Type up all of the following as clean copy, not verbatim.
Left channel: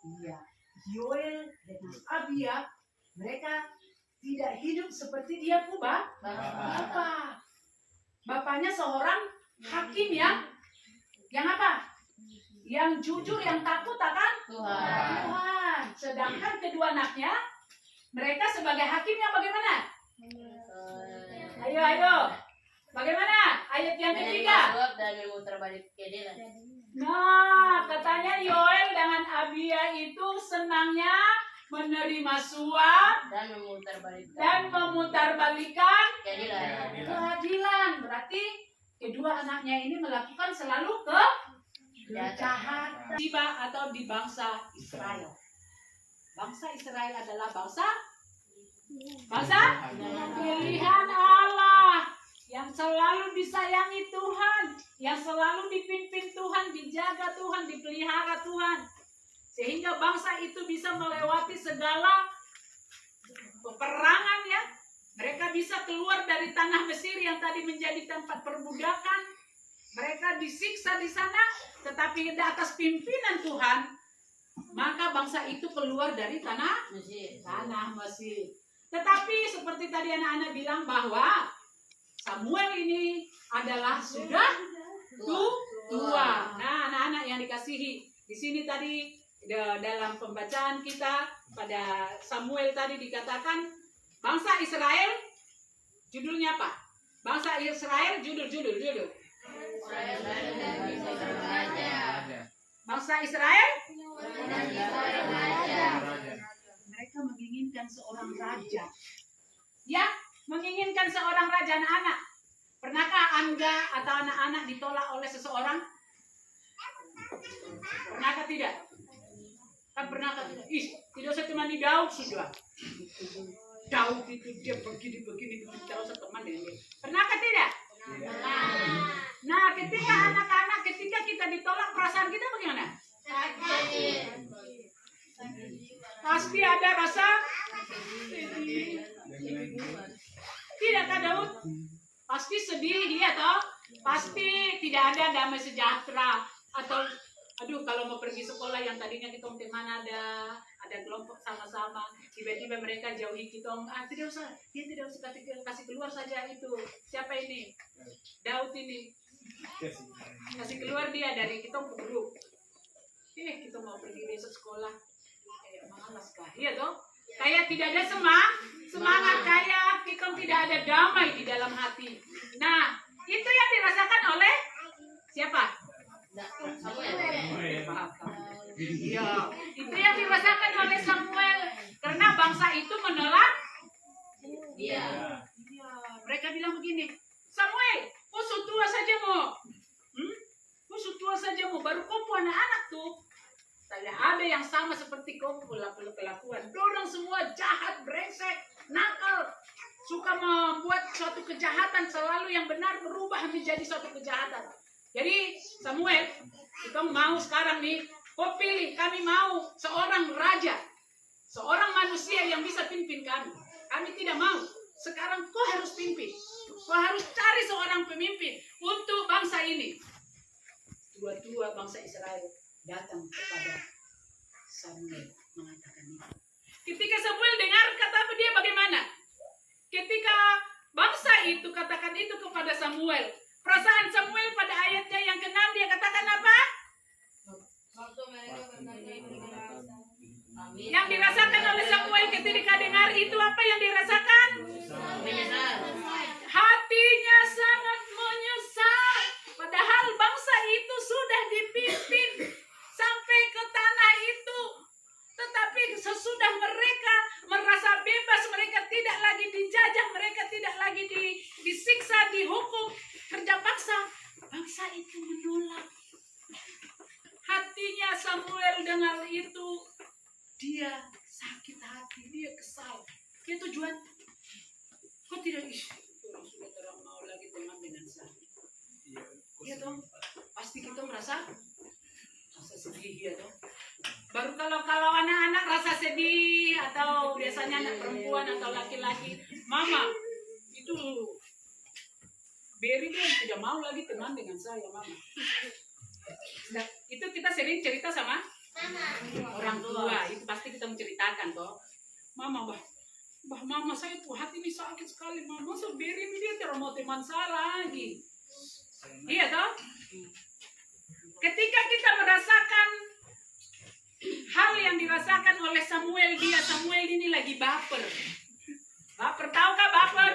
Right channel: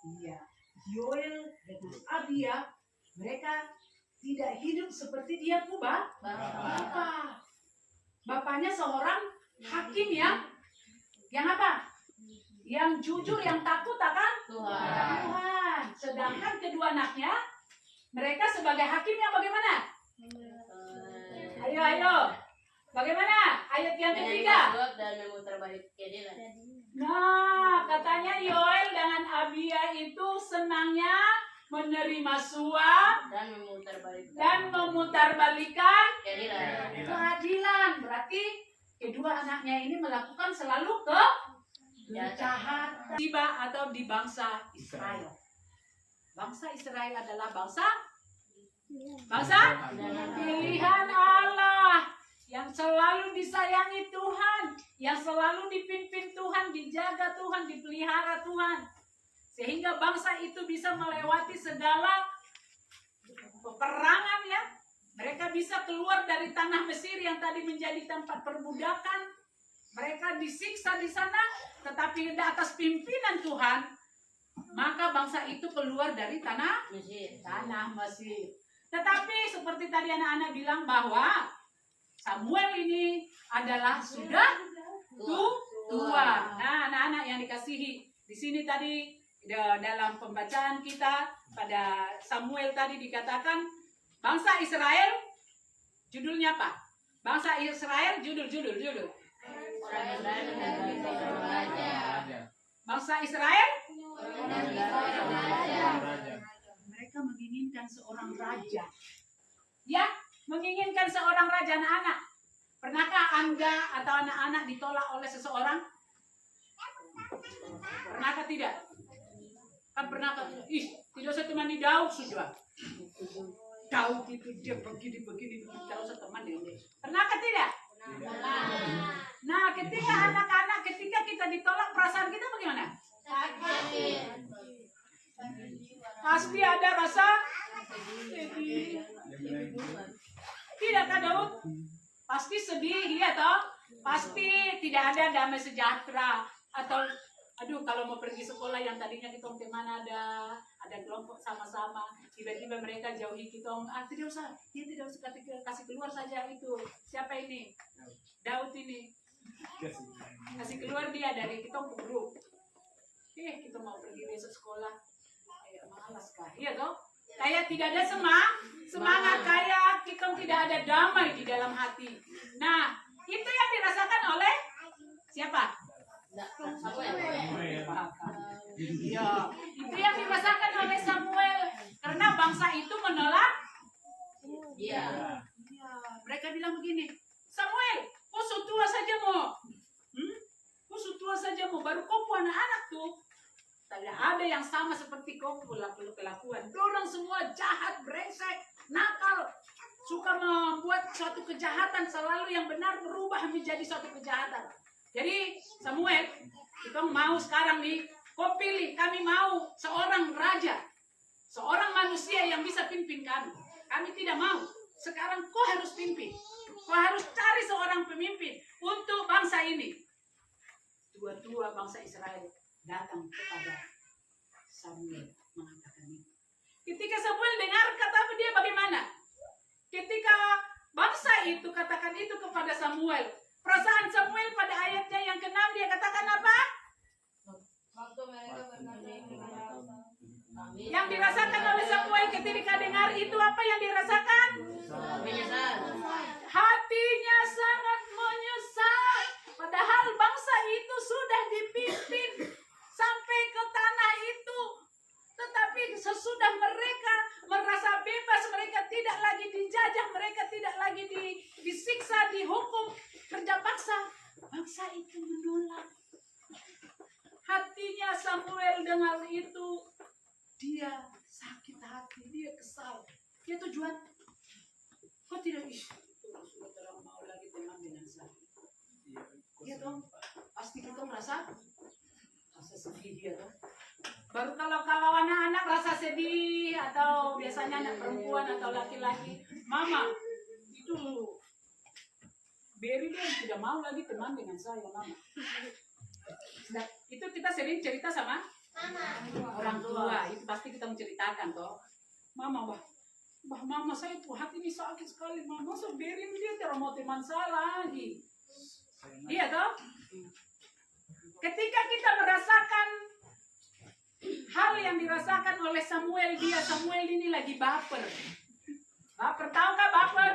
Iya, Yoel dengan Abia, mereka tidak hidup seperti dia punya bapak. Bapaknya seorang hakim yang apa? Yang jujur, yang takut akan Tuhan. Sedangkan kedua anaknya, mereka sebagai hakim yang bagaimana? Ayo. Bagaimana? Ayat yang ketiga. Nah, katanya Yoel dengan Abia itu senangnya menerima suap dan memutarbalikkan keadilan. Berarti kedua anaknya ini melakukan selalu kejahatan. Tiba atau di bangsa Israel. Bangsa Israel adalah bangsa pilihan Allah, yang selalu disayangi Tuhan, yang selalu dipimpin Tuhan, dijaga Tuhan, dipelihara Tuhan. Sehingga bangsa itu bisa melewati segala peperangan ya. Mereka bisa keluar dari tanah Mesir yang tadi menjadi tempat perbudakan. Mereka disiksa di sana, tetapi di atas pimpinan Tuhan, maka bangsa itu keluar dari tanah Mesir. Tetapi seperti tadi anak-anak bilang bahwa Samuel ini adalah sudah tua. Nah, anak-anak yang dikasihi, di sini tadi dalam pembacaan kita pada Samuel tadi dikatakan bangsa Israel, judulnya apa? Bangsa Israel judul. Bangsa Israel mereka menginginkan seorang raja. Ya, menginginkan seorang raja. Anak-anak, pernahkah Anda atau anak-anak ditolak oleh seseorang? Pernahkah tidak? Kan pernahkah tidak? Tidak usah temani Daud sudah. Daud itu dia begini, tidak usah teman dia. Pernahkah tidak? Nah, ketika anak-anak, ketika kita ditolak, perasaan kita bagaimana? Pasti ada rasa sedih. Tidakkah Daud? Pasti sedih, ya toh? Pasti tidak ada damai sejahtera. Atau aduh, kalau mau pergi sekolah yang tadinya kita teman ada kelompok sama-sama, tiba-tiba mereka jauhi kita. Tidak usah, dia tidak usah kasih keluar saja itu. Siapa ini? Daud ini. Kasih keluar dia dari kita grup. Kita mau pergi besok sekolah. Kayak malas kah? Iya toh? Kayak tidak ada semangat, kayak kita tidak ada damai di dalam hati. Nah, itu yang dirasakan oleh siapa? Samuel. Iya, itu yang dirasakan oleh Samuel karena bangsa itu menolak. Iya. Mereka bilang begini, Samuel, kau sutua saja mau, baru kau anak-anak tuh. Tidak ada yang sama seperti kau pelakuan. Dorang semua jahat, brengsek, nakal, suka membuat suatu kejahatan, selalu yang benar berubah menjadi suatu kejahatan. Jadi Samuel, kita mau sekarang nih, kau pilih, kami mau seorang raja, seorang manusia yang bisa pimpin kami. Kami tidak mau. Sekarang kau harus pimpin. Kau harus cari seorang pemimpin untuk bangsa ini. Tua-tua bangsa Israel datang kepada Samuel mengatakan ini. Ketika Samuel dengar kata dia bagaimana? Ketika bangsa itu katakan itu kepada Samuel, perasaan Samuel pada ayatnya yang ke-6 dia katakan apa? Yang dirasakan oleh Samuel ketika dengar itu apa yang dirasakan? Menyesal. Hatinya sangat menyesal. Padahal bangsa itu sudah dipimpin sampai ke tanah itu. Tetapi sesudah mereka merasa bebas, mereka tidak lagi dijajah, mereka tidak lagi disiksa, dihukum, kerja paksa. Bangsa itu menolak. Hatinya Samuel dengar itu, dia sakit hati, dia kesal. Dia tujuan, kok tidak orang sudah terang mau lagi teman dengan saya. Iya dong, pasti kita merasa sedih ya dong. Baru kalau anak-anak rasa sedih atau biasanya anak perempuan atau laki-laki, mama itu Beri dia tidak mau lagi teman dengan saya, mama. sering cerita sama orang tua. Itu pasti kita menceritakan toh. Mama, mama saya tuh hati ini sakit sekali. Mama saya biarin dia terus mau teman saya lagi. Iya toh? Ketika kita merasakan hal yang dirasakan oleh Samuel ini lagi baper. Baper, tahukah baper?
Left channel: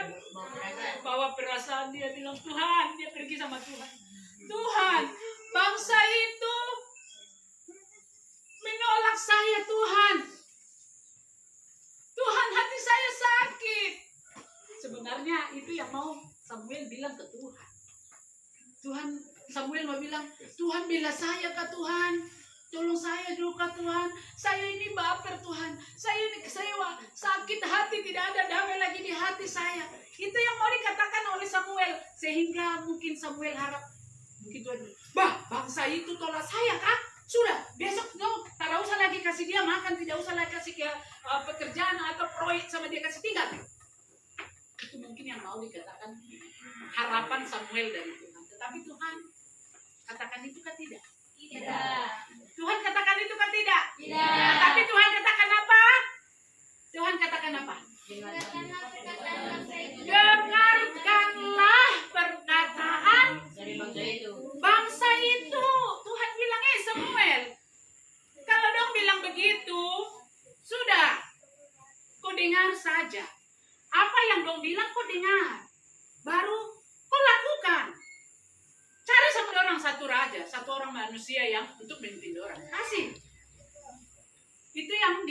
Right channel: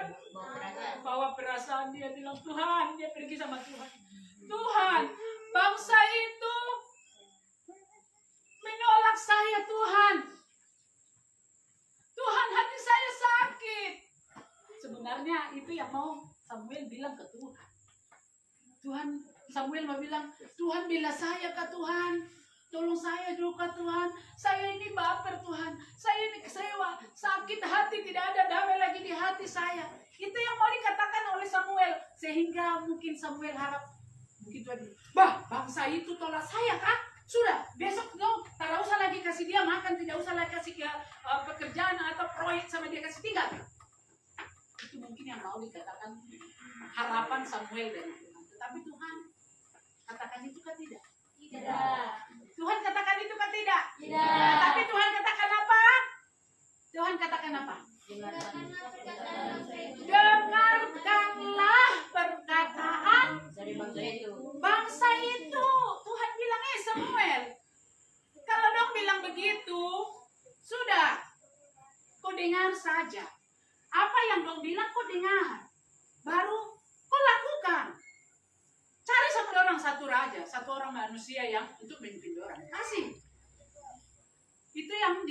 Bawa perasaan, dia bilang, Tuhan, dia pergi sama Tuhan. Tuhan, bangsa itu menolak saya, Tuhan. Tuhan, hati saya sakit. Sebenarnya itu yang mau Samuel bilang ke Tuhan. Samuel mau bilang, Tuhan bela saya kah Tuhan? Tolong saya juga Tuhan. Saya ini baper Tuhan. Saya sakit hati, tidak ada damai lagi di hati saya. Itu yang mau dikatakan oleh Samuel. Sehingga mungkin Samuel harap, mungkin Tuhan, bangsa itu tolak saya kah? Sudah, besok tidak usah lagi kasih dia makan, tidak usah lagi kasih dia pekerjaan atau proyek sama dia, kasih tinggal. Itu mungkin yang mau dikatakan harapan Samuel dari Tuhan. Tetapi Tuhan katakan itu kan tidak? Tidak. Tuhan katakan itu kan tidak? Tidak. Tapi Tuhan katakan apa? Tuhan katakan apa? Dengarkanlah perkataan dari bangsa itu. Tuhan bilang, Samuel, kalau dong bilang begitu, sudah, kau dengar saja. Apa yang dong bilang kau dengar, baru kau lakukan. Cari satu raja, satu orang manusia yang untuk memimpin orang. Kasih. Itu yang